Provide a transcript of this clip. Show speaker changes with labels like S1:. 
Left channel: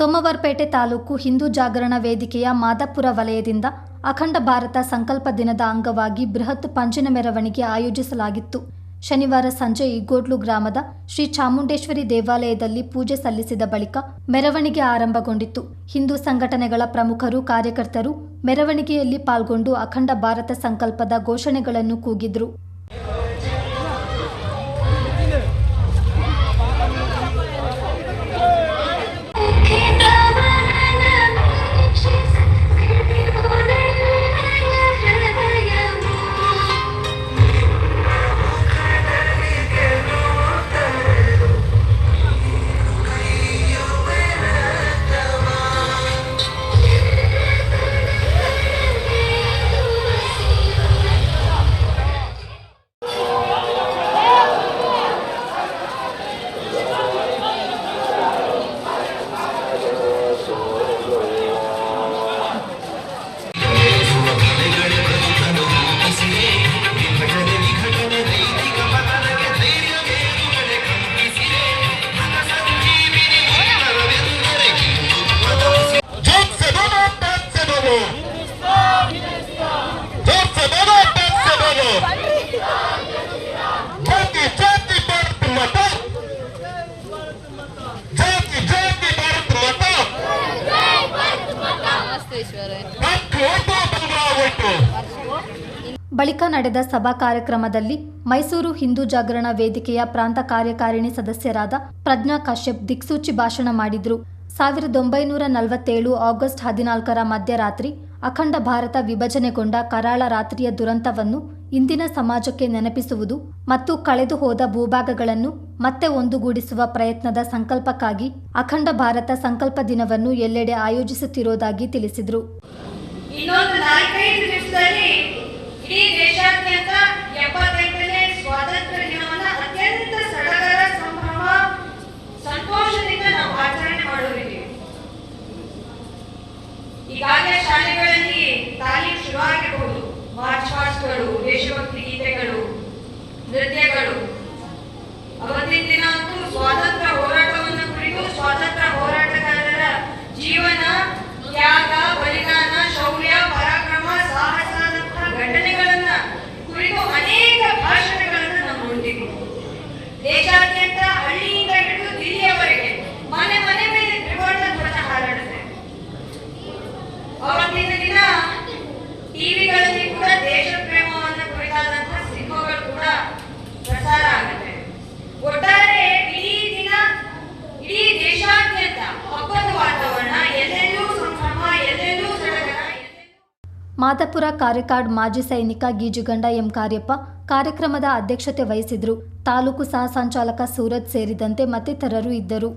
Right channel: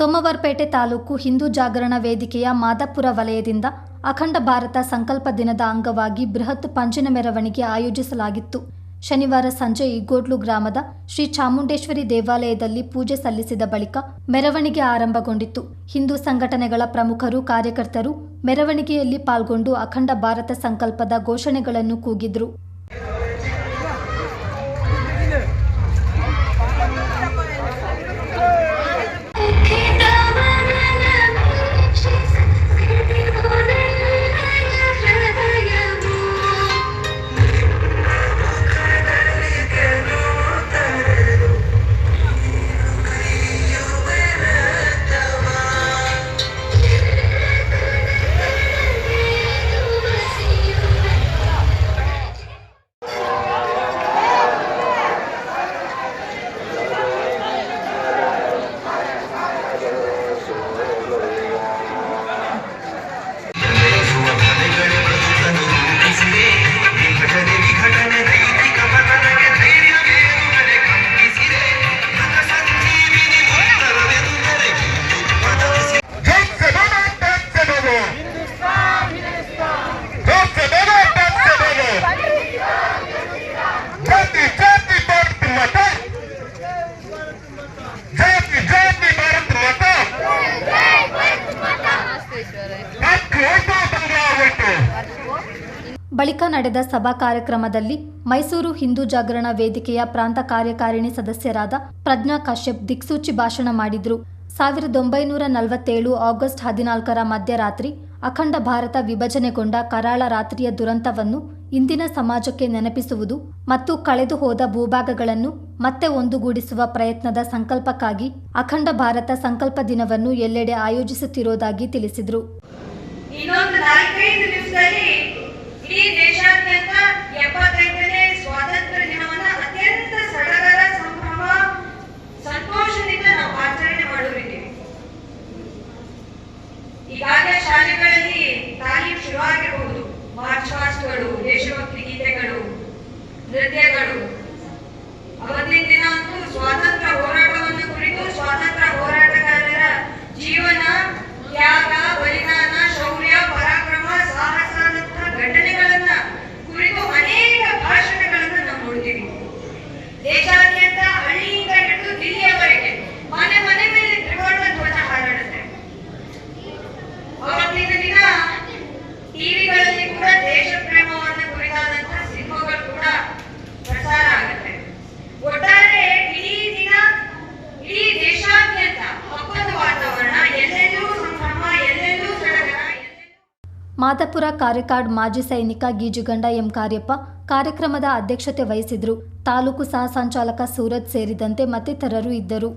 S1: ಸೋಮವಾರಪೇಟೆ ತಾಲೂಕು ಹಿಂದೂ ಜಾಗರಣ ವೇದಿಕೆಯ ಮಾದಾಪುರ ವಲಯದಿಂದ ಅಖಂಡ ಭಾರತ ಸಂಕಲ್ಪ ದಿನದ ಅಂಗವಾಗಿ ಬೃಹತ್ ಪಂಜಿನ ಮೆರವಣಿಗೆ ಆಯೋಜಿಸಲಾಗಿತ್ತು. ಶನಿವಾರ ಸಂಜೆ ಇಗೋಡ್ಲು ಗ್ರಾಮದ ಶ್ರೀ ಚಾಮುಂಡೇಶ್ವರಿ ದೇವಾಲಯದಲ್ಲಿ ಪೂಜೆ ಸಲ್ಲಿಸಿದ ಬಳಿಕ ಮೆರವಣಿಗೆ ಆರಂಭಗೊಂಡಿತ್ತು. ಹಿಂದೂ ಸಂಘಟನೆಗಳ ಪ್ರಮುಖರು, ಕಾರ್ಯಕರ್ತರು ಮೆರವಣಿಗೆಯಲ್ಲಿ ಪಾಲ್ಗೊಂಡು ಅಖಂಡ ಭಾರತ ಸಂಕಲ್ಪದ ಘೋಷಣೆಗಳನ್ನು ಕೂಗಿದ್ರು. ಬಳಿಕ ನಡೆದ ಸಭಾ ಕಾರ್ಯಕ್ರಮದಲ್ಲಿ ಮೈಸೂರು ಹಿಂದೂ ಜಾಗರಣ ವೇದಿಕೆಯ ಪ್ರಾಂತ ಕಾರ್ಯಕಾರಿಣಿ ಸದಸ್ಯರಾದ ಪ್ರಜ್ಞಾ ಕಾಶ್ಯಪ್ ದಿಕ್ಸೂಚಿ ಭಾಷಣ ಮಾಡಿದ್ರು. ಸಾವಿರದ ಒಂಬೈನೂರ ನಲವತ್ತೇಳು ಆಗಸ್ಟ್ ಹದಿನಾಲ್ಕರ ಮಧ್ಯರಾತ್ರಿ ಅಖಂಡ ಭಾರತ ವಿಭಜನೆಗೊಂಡ ಕರಾಳ ರಾತ್ರಿಯ ದುರಂತವನ್ನು ಇಂದಿನ ಸಮಾಜಕ್ಕೆ ನೆನಪಿಸುವುದು ಮತ್ತು ಕಳೆದು ಹೋದ ಭೂಭಾಗಗಳನ್ನು ಮತ್ತೆ ಒಂದುಗೂಡಿಸುವ ಪ್ರಯತ್ನದ ಸಂಕಲ್ಪಕ್ಕಾಗಿ ಅಖಂಡ ಭಾರತ ಸಂಕಲ್ಪ ದಿನವನ್ನು ಎಲ್ಲೆಡೆ ಆಯೋಜಿಸುತ್ತಿರುವುದಾಗಿ ತಿಳಿಸಿದರು.
S2: Y de ಪ್ರಸಾರ ಆಗುತ್ತೆ ಒಟ್ಟಾರೆ ಇಡೀ ದಿನ, ಇಡೀ ದೇಶಾದ್ಯಂತ ಹಬ್ಬದ ವಾತಾವರಣ, ಎಲ್ಲೆಲ್ಲೂ ಸಂಭ್ರಮ, ಎಲ್ಲೆಲ್ಲೂ
S1: ಮಾದಪುರ ಕಾರಿಕಾಡ್ ಮಾಜಿ ಸೈನಿಕ ಗೀಜುಗಂಡ ಎಂ ಕಾರ್ಯಪ್ಪ ಕಾರ್ಯಕ್ರಮದ ಅಧ್ಯಕ್ಷತೆ ವಹಿಸಿದ್ರು. ತಾಲೂಕು ಸಹ ಸಂಚಾಲಕ ಸೂರಜ್ ಸೇರಿದಂತೆ ಮತ್ತಿತರರು ಇದ್ದರು.